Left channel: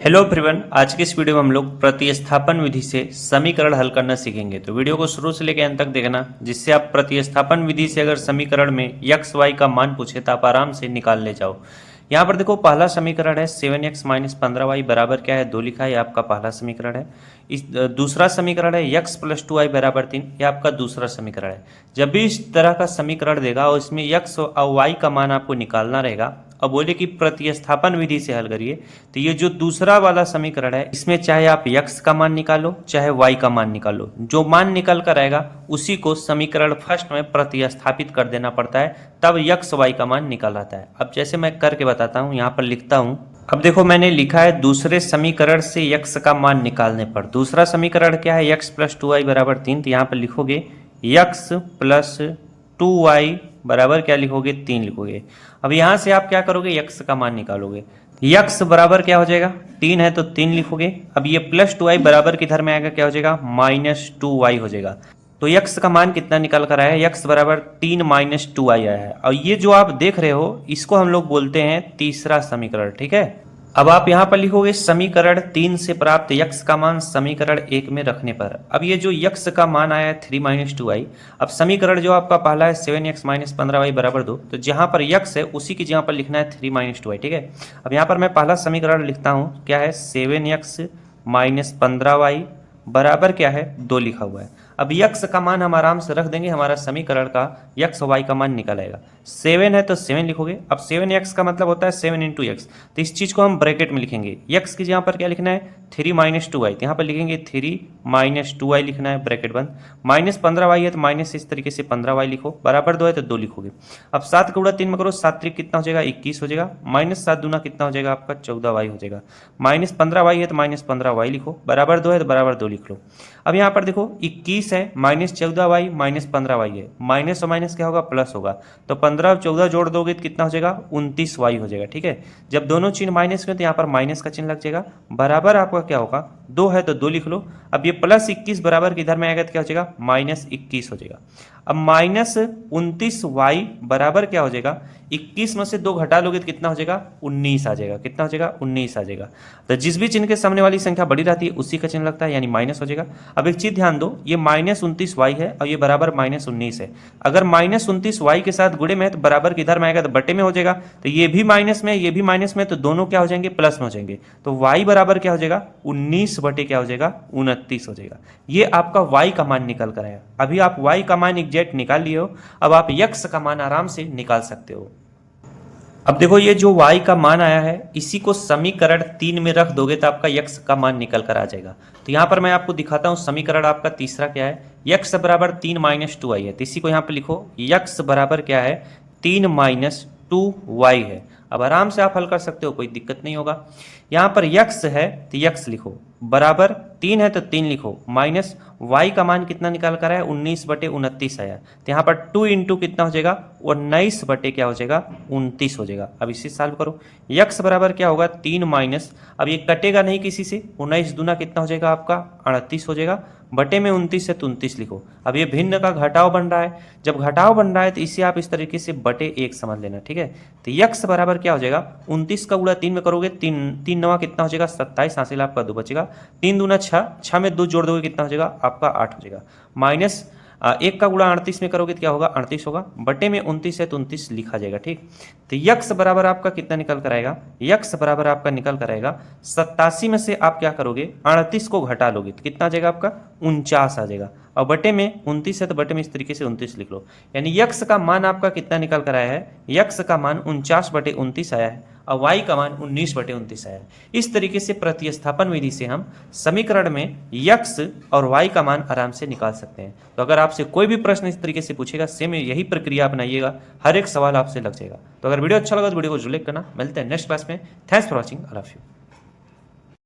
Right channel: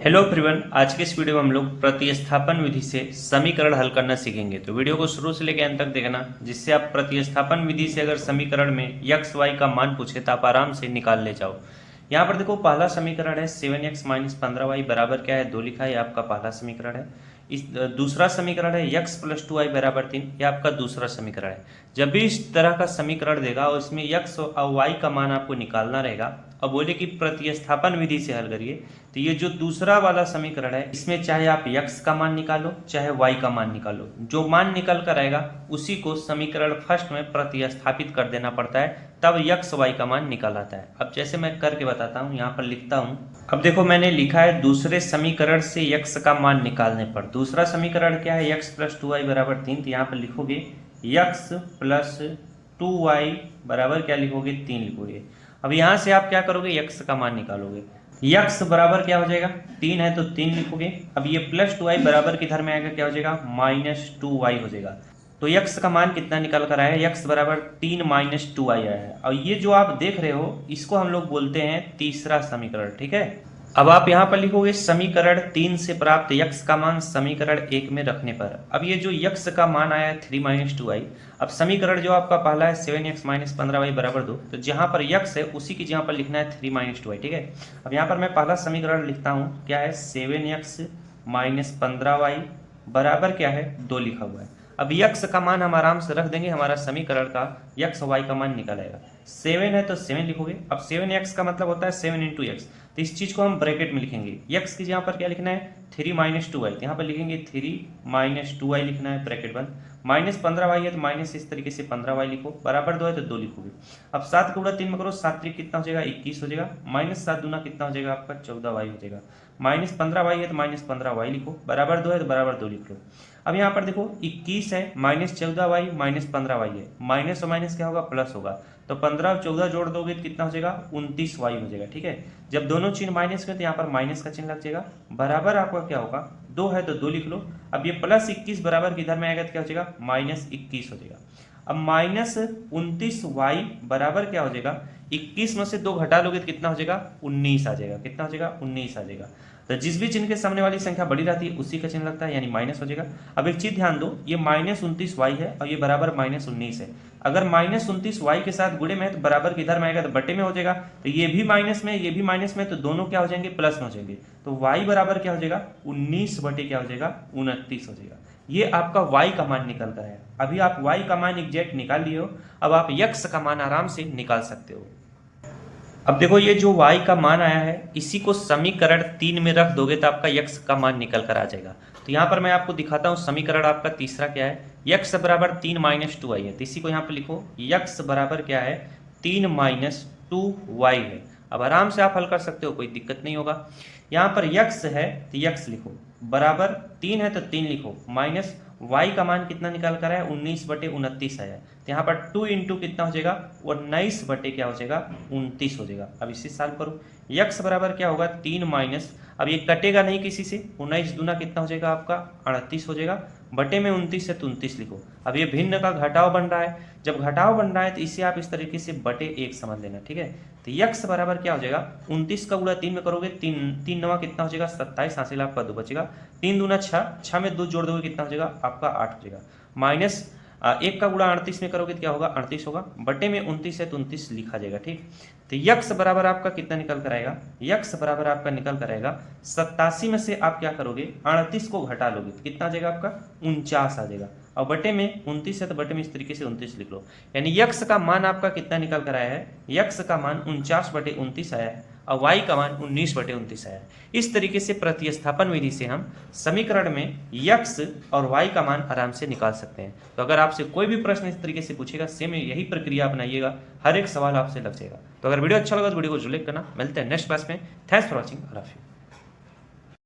Hello everyone, आज के इस वीडियो में हम लोग प्रतिस्थापन विधि से समीकरण हल करना सीखेंगे। तो वीडियो को शुरू से लेकर अंत तक देखना, जिससे आप प्रतिस्थापन विधि से अगर समीकरण में x y का मान पूछे तो आप आराम से निकाल ले जाओ। यहाँ पर देखो, पहला समीकरण है 7x माइनस 15y बराबर क्या है 2 लिखा है, आपका पहला समीकरण है। इस दूसरा समीकरण है x प्लस 2y बराबर 3, यह आपका दूसरा समीकरण है। जब भी इस तरह का समीकरण देगा और इसमें x और y का मान आपको निकालना रहेगा, अब बोले कि प्रतिस्थापन विधि से हल करिए, तो ये जो दूसरा वाला समीकरण है इसमें चाहे आप x का मान निकालो चाहे y का मान निकालो, जो मान निकल कर आएगा उसी को समीकरण फर्स्ट में प्रतिस्थापित कर देना पड़ता है, तब x y का मान निकल आता है। अब जैसे मैं करके बताता हूँ, यहाँ पर लिखता हूँ। अब देखो, मैंने लिखा है दूसरे समीकरण से x का मान निकालने पर। दूसरा समीकरण क्या है, x प्लस 2y बराबर 3, तो यहाँ पर लिखोगे x प्लस 2y बराबर क्या लिखोगे 3 लिखोगे। अब यहाँ से आप क्या करोगे, x का मान निकालोगे। x बराबर क्या हो जाएगा 3 है तो 3 लिखोगे। अब ये प्लस 2y बराबर किधर में आएगा, क्या हो जाएगा -2y हो जाएगा। तो x का मान कितना निकल कर आया है, x बराबर 3 माइनस 2y आया है। और ये जो आप देख रहे हो इसको हम लोग बोलते हैं तीसरा समीकरण, ठीक है। अब आप यहाँ पर लिखोगे समीकरण 3 से प्राप्त x का मान समीकरण 1 में रखने पर। अब ये जो x का मान आया है 3 माइनस 2y, अब समीकरण जो आपका पहला है 7x माइनस 15y बराबर 2, तो जहाँ पर x है उसी की जगह पर लिखना है 3 माइनस 2y, ठीक है। अब यहाँ पर मैं पहला समीकरण लिखता हूँ, क्या है 7x माइनस 15y बराबर क्या है 2 लिखा हुआ है। अब x का मान हम आराम से रख देंगे, हमारा समीकरण का x y का मान निकल आएगा। 7 है तो 7 लिखोगे। अब 7x का मतलब होता है 7 इंटू एक्स, तो इस चीज़ को हम ब्रैकेट में लिखेंगे। x की जगह पर क्या लिखना है 3 माइनस 2y, तो यहाँ पर लिखेंगे 3 माइनस 2y लिखना है, ब्रैकेट बंद। माइनस 15y है तो माइनस इस तरीके से 15y लिखो, बराबर 2 है तो 2 लिखोगे। अब 7 का गुणा 3 में करो, 7 3 कितना हो जाएगा 21 हो जाएगा। माइनस 7 दूना कितना हो जाएगा आपका 14y हो जाएगा। माइनस 15y है तो माइनस 15y लिखो, बराबर 2 है तो बराबर 2 लिख लो। अब यहाँ पर देखो 21 है, माइनस 14y माइनस 15y है, माइनस और माइनस क्या होगा प्लस होगा, तो 15 और 14 जोड़ दोगे तो कितना हो जाएगा 29y हो जाएगा, ठीक है। जब दोनों चिन्ह माइनस में तो यहाँ पर माइनस का चिन्ह लग जाएगा, बराबर आपका क्या होगा 2 है तो 2 लिख लो। अब ये प्लस 21 बराबर किधर में आएगा तो क्या हो जाएगा माइनस 21 हो जाएगा। अब माइनस 29y बराबर क्या हो जाएगा, 21 में से 2 घटा लोगे तो कितना हो जाएगा 19 आ जाएगा। कितना हो जाएगा 19 आ जाएगा। तो जिस भी चिन्ह के सामने वाली संख्या बड़ी रहती है उसी का चिन्ह लगता है, यानी माइनस हो जाएगा। अब एक चीज ध्यान दो, ये माइनस 29y है और ये बराबर माइनस 19 है। अगर माइनस 29y के साथ गुणे में है तो बराबर किधर में आएगा तो बटे में हो जाएगा। तो ये भी माइनस में ये भी माइनस में, तो दोनों क्या हो जाएंगे प्लस में हो जाएंगे। तो y बराबर क्या हो जाएगा 19 बटे क्या हो जाएगा 29 हो जाएगा। ये आपका y का मान निकल कर आया। अभी आप y का मान एग्जैक्ट निकाल लिए हो, अब आप x का मान आराम से निकाल सकते हो। अब देखो, ये जो y का मान आया है इसी को समीकरण 3 में रख दोगे तो आपका x का मान निकल कर आ जाएगा। तो यहाँ पर मैं आपको दिखाता हूँ समीकरण आपका तीसरा क्या है, x बराबर 3 माइनस 2y है, तो इसी को यहाँ पर लिखो x बराबर क्या है 3 माइनस 2y है। अब आराम से आप हल कर सकते हो, कोई दिक्कत नहीं होगा। यहाँ पर x है तो x लिखो, बराबर 3 है तो 3 लिखो, माइनस y का मान कितना निकाल कर आया 19 बटे 29 आया, तो यहाँ पर 2 इंटू कितना हो जाएगा 19 बटे क्या हो जाएगा 29 हो जाएगा। अब इसे सॉल्व करो, x बराबर क्या होगा 3 माइनस, अब ये कटेगा नहीं किसी से, 19 दूना कितना हो जाएगा आपका 38 हो जाएगा, बटे में 29 है तो 29 लिखो। अब ये भिन्न का घटाव बन रहा है, जब घटाव बन रहा है तो इसे आप इस तरीके से बटे 1 समझ लेना, ठीक है। तो x बराबर क्या हो जाएगा 29 का गुणा 3 में करोगे, 3 नवा कितना हो जाएगा 27, हासिल आपका 2 बचेगा, 3 दूना 6, 6 में 2 जोड़ दोगे कितना हो जाएगा आपका 8 हो जाएगा। माइनस 1 का गुणा 38 में करोगे तो क्या होगा 38 होगा, बटे में 29 है तो 29 लिखा जाएगा, ठीक। तो x बराबर आपका कितना निकल कर आएगा, x बराबर आपका निकल कर आएगा 87 में से आप क्या करोगे 38 को घटा लोगे तो कितना आ जाएगा आपका 49 आ जाएगा, और बटे में 29 है तो बटे में इस तरीके से 29 लिख लो। यानी x का मान आपका कितना निकल कर आया है, x का मान 49 बटे 29 आया है और y का मान 19 बटे 29 आया है। इस तरीके से प्रतिस्थापन विधि से हम समीकरण में x और y का मान आराम से निकाल सकते हैं। तो अगर आपसे कोई भी प्रश्न इस तरीके से पूछेगा, सेम यही प्रक्रिया अपनाइएगा, हर एक सवाल आपसे लग जाएगा। तो अगर वीडियो अच्छा लगा तो वीडियो को जरूर लाइक करना। मिलते हैं नेक्स्ट क्लास में। Thanks for watching. I love you.